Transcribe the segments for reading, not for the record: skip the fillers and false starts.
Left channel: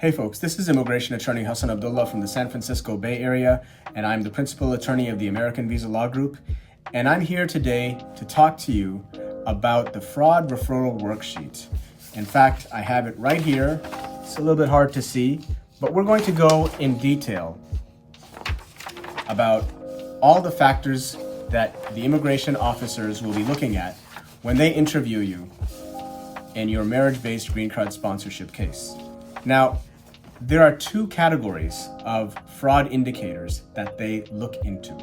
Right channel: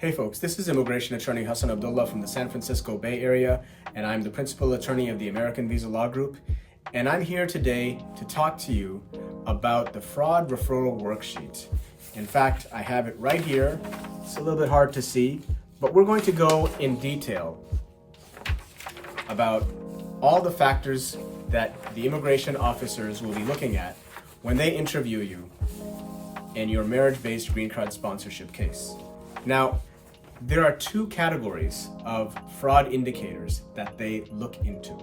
Hey folks, this is immigration attorney Hassan Abdullah from the San Francisco Bay Area, and I'm the principal attorney of the American Visa Law Group. And I'm here today to talk to you about the Fraud Referral Worksheet. In fact, I have it right here. It's a little bit hard to see, but we're going to go in detail about all the factors that the immigration officers will be looking at when they interview you in your marriage-based green card sponsorship case. Now, there are two categories of fraud indicators that they look into.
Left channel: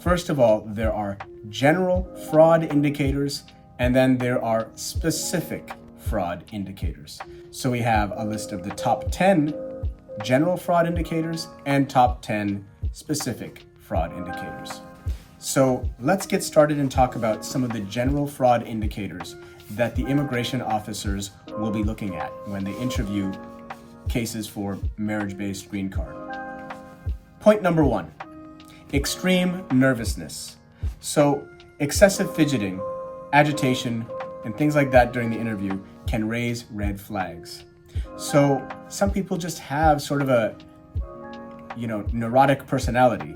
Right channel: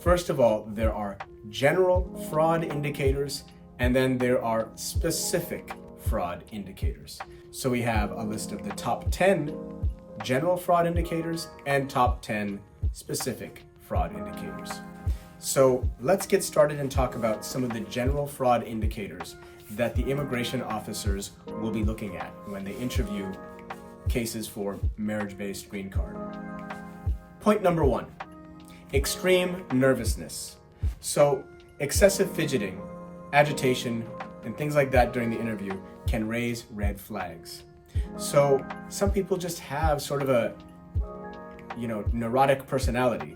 First of all, there are general fraud indicators, and then there are specific fraud indicators. So we have a list of the top 10 general fraud indicators and top 10 specific fraud indicators. So let's get started and talk about some of the general fraud indicators that the immigration officers will be looking at when they interview cases for marriage-based green card. Point number one, extreme nervousness. So excessive fidgeting, agitation, and things like that during the interview can raise red flags. So some people just have sort of a, neurotic personality,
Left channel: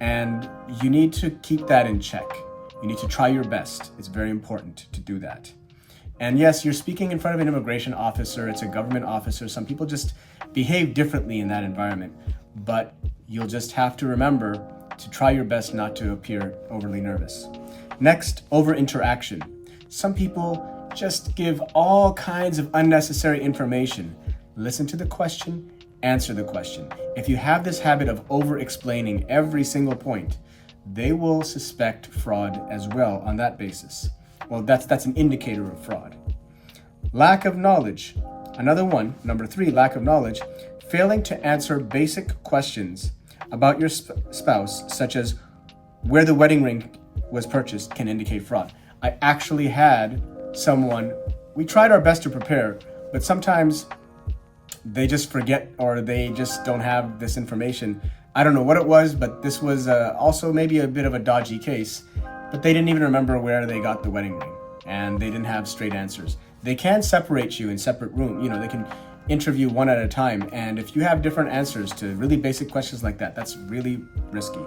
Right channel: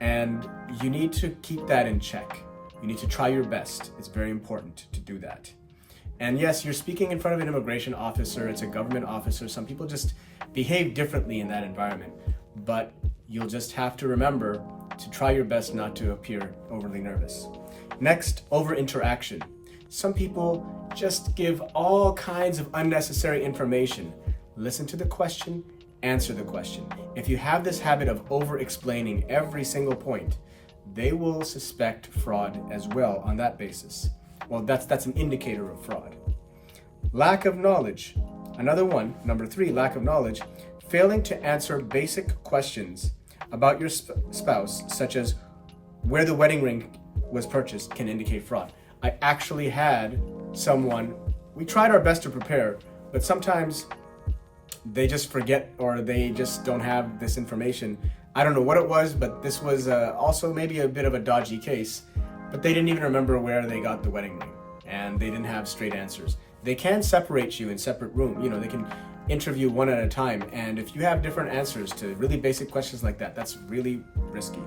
and you need to keep that in check. You need to try your best. It's very important to do that. And yes, you're speaking in front of an immigration officer, it's a government officer. Some people just behave differently in that environment, but you'll just have to remember to try your best not to appear overly nervous. Next, over-interaction. Some people just give all kinds of unnecessary information. Listen to the question, answer the question. If you have this habit of over-explaining every single point, they will suspect fraud as well on that basis. Well, that's an indicator of fraud. Lack of knowledge. Another one, number 3, lack of knowledge. Failing to answer basic questions about your spouse, such as where the wedding ring was purchased, can indicate fraud. I actually had someone, we tried our best to prepare, but sometimes they just forget or they just don't have this information. I don't know what it was, but this was also maybe a bit of a dodgy case. But they didn't even remember where they got the wedding ring, and they didn't have straight answers. They can separate you in separate rooms. They can interview one at a time, and if you have different answers to really basic questions like that, that's really risky.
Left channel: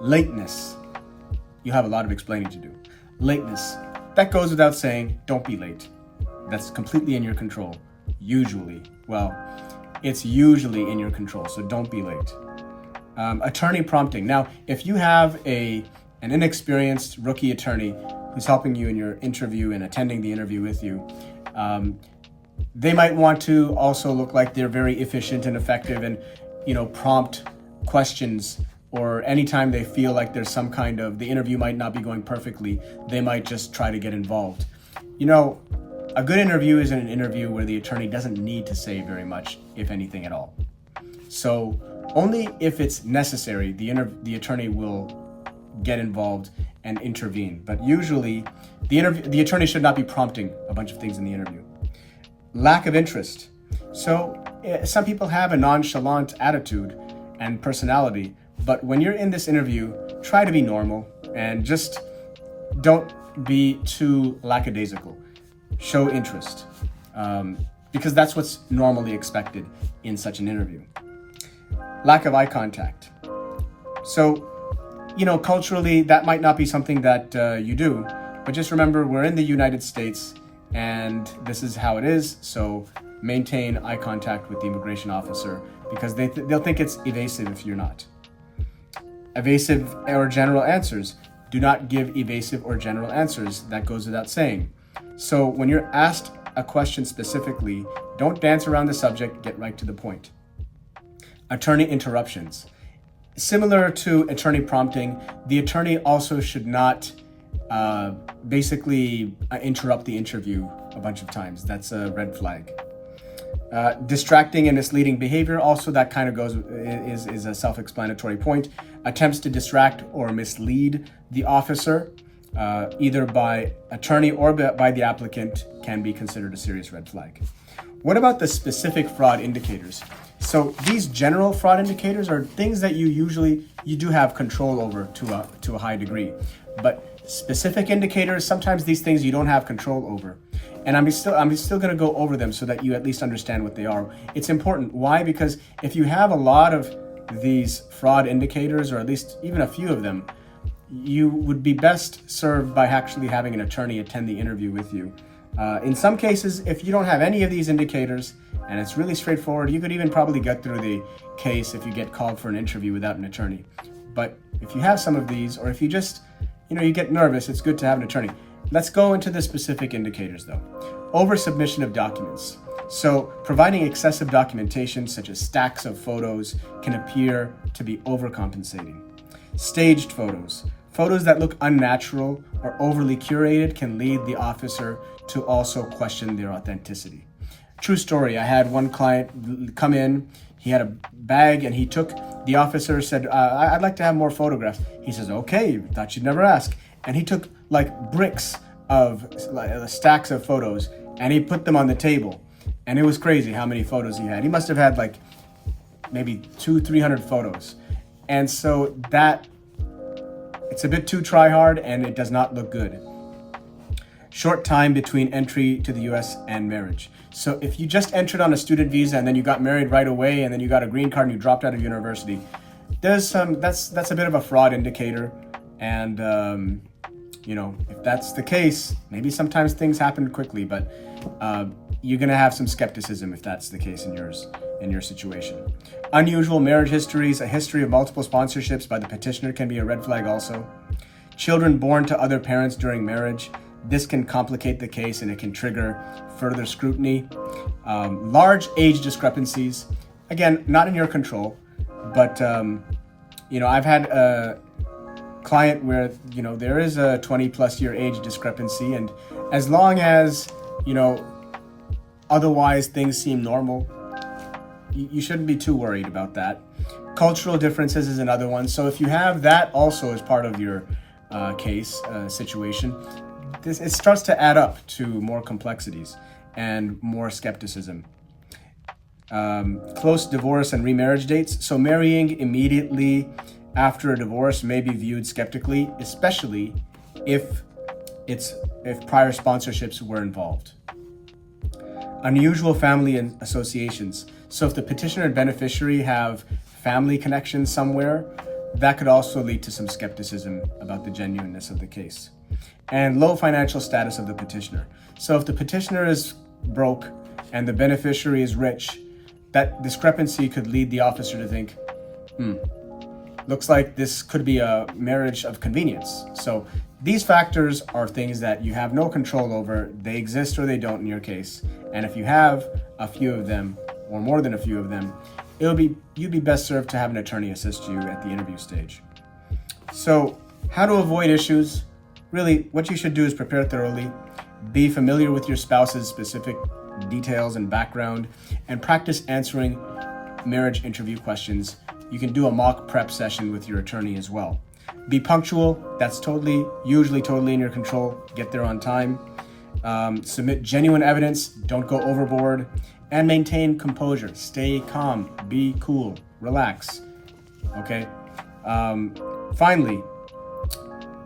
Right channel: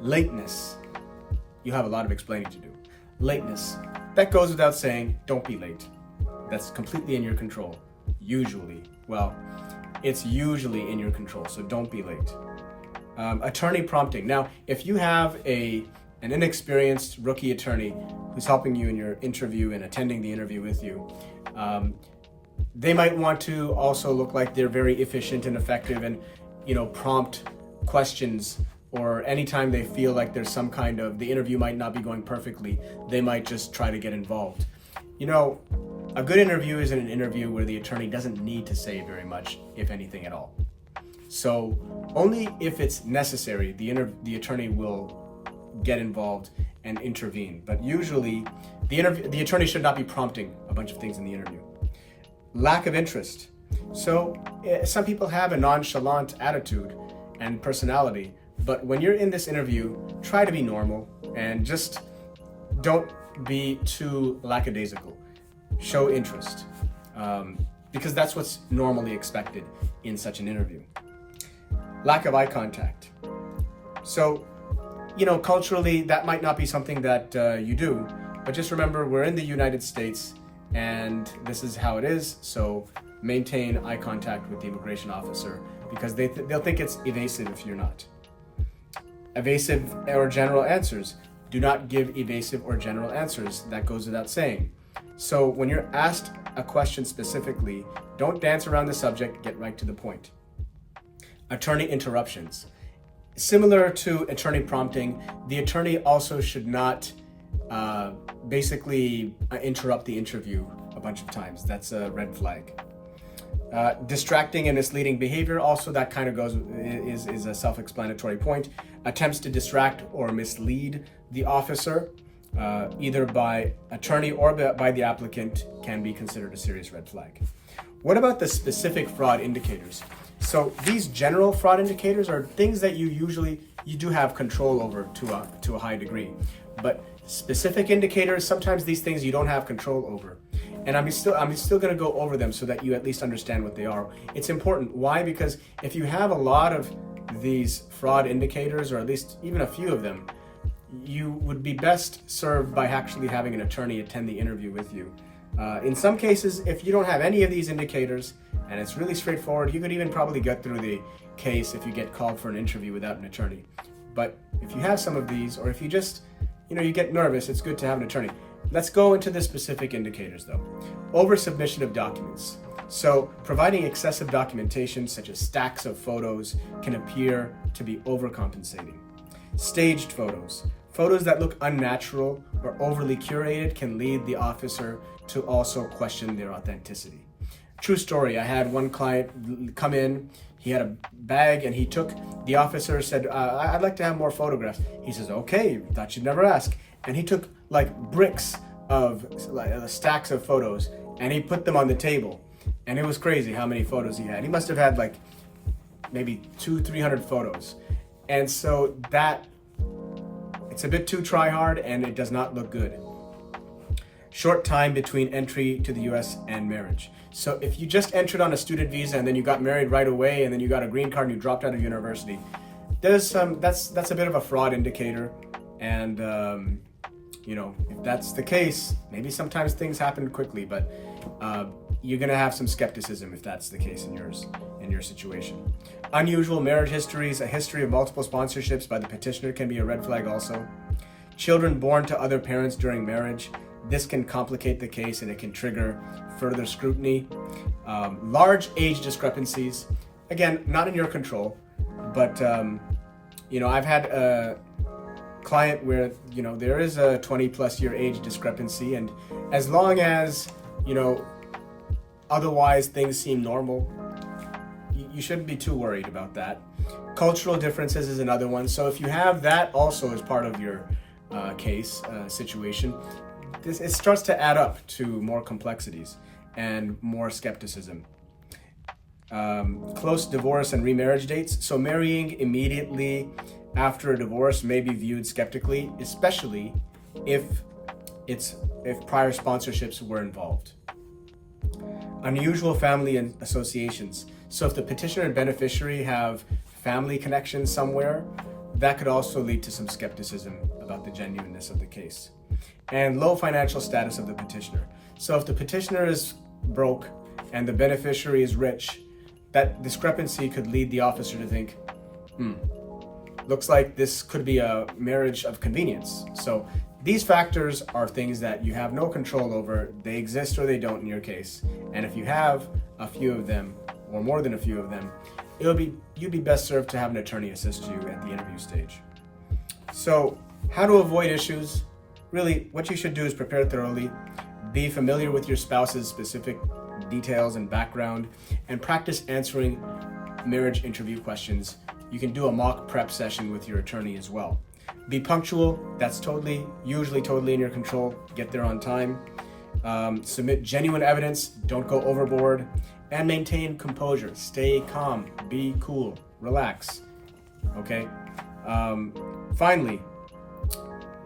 Lateness. You have a lot of explaining to do. Lateness. That goes without saying, don't be late. That's completely in your control. Usually. Well, it's usually in your control, so don't be late. Attorney prompting. Now, if you have an inexperienced rookie attorney who's helping you in your interview and attending the interview with you, they might want to also look like they're very efficient and effective and, prompt questions, or anytime they feel like there's some kind of, the interview might not be going perfectly, they might just try to get involved. A good interview is an interview where the attorney doesn't need to say very much, if anything at all. So only if it's necessary, the attorney will get involved and intervene. But usually, the attorney should not be prompting a bunch of things in the interview. Lack of interest. So some people have a nonchalant attitude and personality, but when you're in this interview, try to be normal and just don't be too lackadaisical. Show interest, because that's what's normally expected in such an interview. Lack of eye contact. So, culturally, that might not be something that you do, but just remember, we're in the United States, and this is how it is, so maintain eye contact with the immigration officer, because they'll think it's evasive if you're not. Evasive or general answers. Do not give evasive or general answers. That goes without saying. So when you're asked a question specifically, don't dance around the subject, get right to the point. Attorney interruptions. Similar to attorney prompting, the attorney also should not basically interrupt the interview a bunch of times. That's a red flag. Distracting and misleading behavior, also that kind of is a self-explanatory point. Attempts to distract or mislead the officer, either by attorney or by the applicant, can be considered a serious red flag. What about the specific fraud indicators? So these general fraud indicators are things that you do have control over to a high degree. But specific indicators, sometimes these things you don't have control over. And I'm still going to go over them so that you at least understand what they are. It's important. Why? Because if you have a lot of these fraud indicators, or at least even a few of them, you would be best served by actually having an attorney attend the interview with you. In some cases, if you don't have any of these indicators and it's really straightforward, you could even probably get through the case if you get called for an interview without an attorney. But if you have some of these, or if you just, you get nervous, it's good to have an attorney. Let's go into the specific indicators though. Over-submission of documents. So providing excessive documentation such as stacks of photos can appear to be overcompensating. Staged photos. Photos that look unnatural or overly curated can lead the officer to also question their authenticity. True story, I had one client come in, he had a bag and the officer said, I'd like to have more photographs. He says, okay, thought you'd never ask. And he took like bricks of stacks of photos and he put them on the table. And it was crazy how many photos he had. He must have had like maybe 200-300 photos. And so it's a bit too try hard and it does not look good. Short time between entry to the US and marriage. So if you just entered on a student visa and then you got married right away and then you got a green card and you dropped out of university, that's a bit of a fraud indicator. And if that's the case, maybe sometimes things happen quickly, but you're gonna have some skepticism if that's the case in your situation. Unusual marriage histories, a history of multiple sponsorships by the petitioner can be a red flag also. Children born to other parents during marriage, this can complicate the case and it can trigger further scrutiny. Large age discrepancies, again, not in your control, but I've had a client where there is a 20+ year age discrepancy, and as long as otherwise things seem normal, you shouldn't be too worried about that. Cultural differences is another one. So if you have that also as part of your case situation, it starts to add up to more complexities and more skepticism. Close divorce and remarriage dates. So marrying immediately after a divorce may be viewed skeptically, especially if prior sponsorships were involved. Unusual family and associations. So if the petitioner and beneficiary have family connections somewhere, that could also lead to some skepticism about the genuineness of the case. And low financial status of the petitioner. So if the petitioner is broke and the beneficiary is rich, that discrepancy could lead the officer to think, looks like this could be a marriage of convenience. So these factors are things that you have no control over. They exist or they don't in your case. And if you have a few of them, or more than a few of them, you'd be best served to have an attorney assist you at the interview stage. So how to avoid issues? Really, what you should do is prepare thoroughly, be familiar with your spouse's specific details and background, and practice answering marriage interview questions. You can do a mock prep session with your attorney as well. Be punctual. That's usually totally in your control. Get there on time. Submit genuine evidence. Don't go overboard. And maintain composure. Stay calm. Be cool. Relax. Okay? Finally,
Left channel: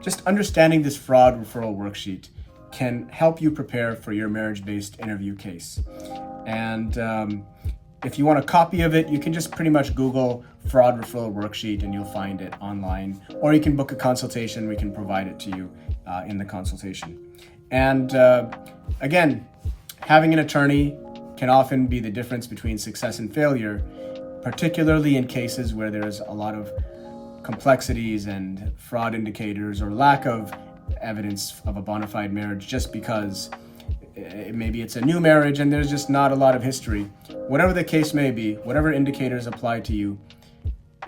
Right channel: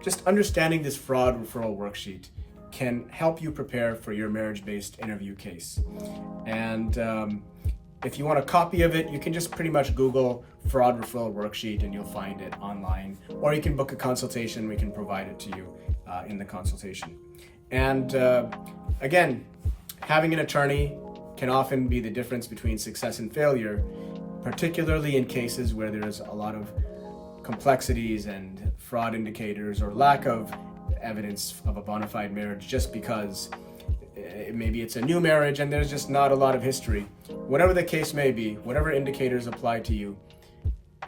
just understanding this fraud referral worksheet can help you prepare for your marriage-based interview case. And if you want a copy of it, you can just pretty much Google fraud referral worksheet and you'll find it online. Or you can book a consultation. We can provide it to you in the consultation. And again, having an attorney can often be the difference between success and failure, particularly in cases where there's a lot of complexities and fraud indicators or lack of evidence of a bona fide marriage, just because maybe it's a new marriage and there's just not a lot of history. Whatever the case may be, whatever indicators apply to you,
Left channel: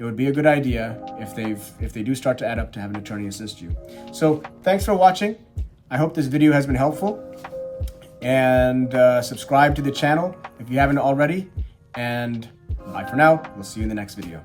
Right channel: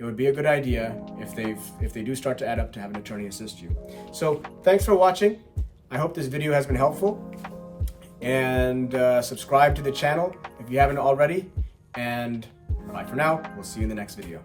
it would be a good idea if they do start to add up to have an attorney assist you. So thanks for watching. I hope this video has been helpful, and subscribe to the channel if you haven't already, and bye for now. We'll see you in the next video.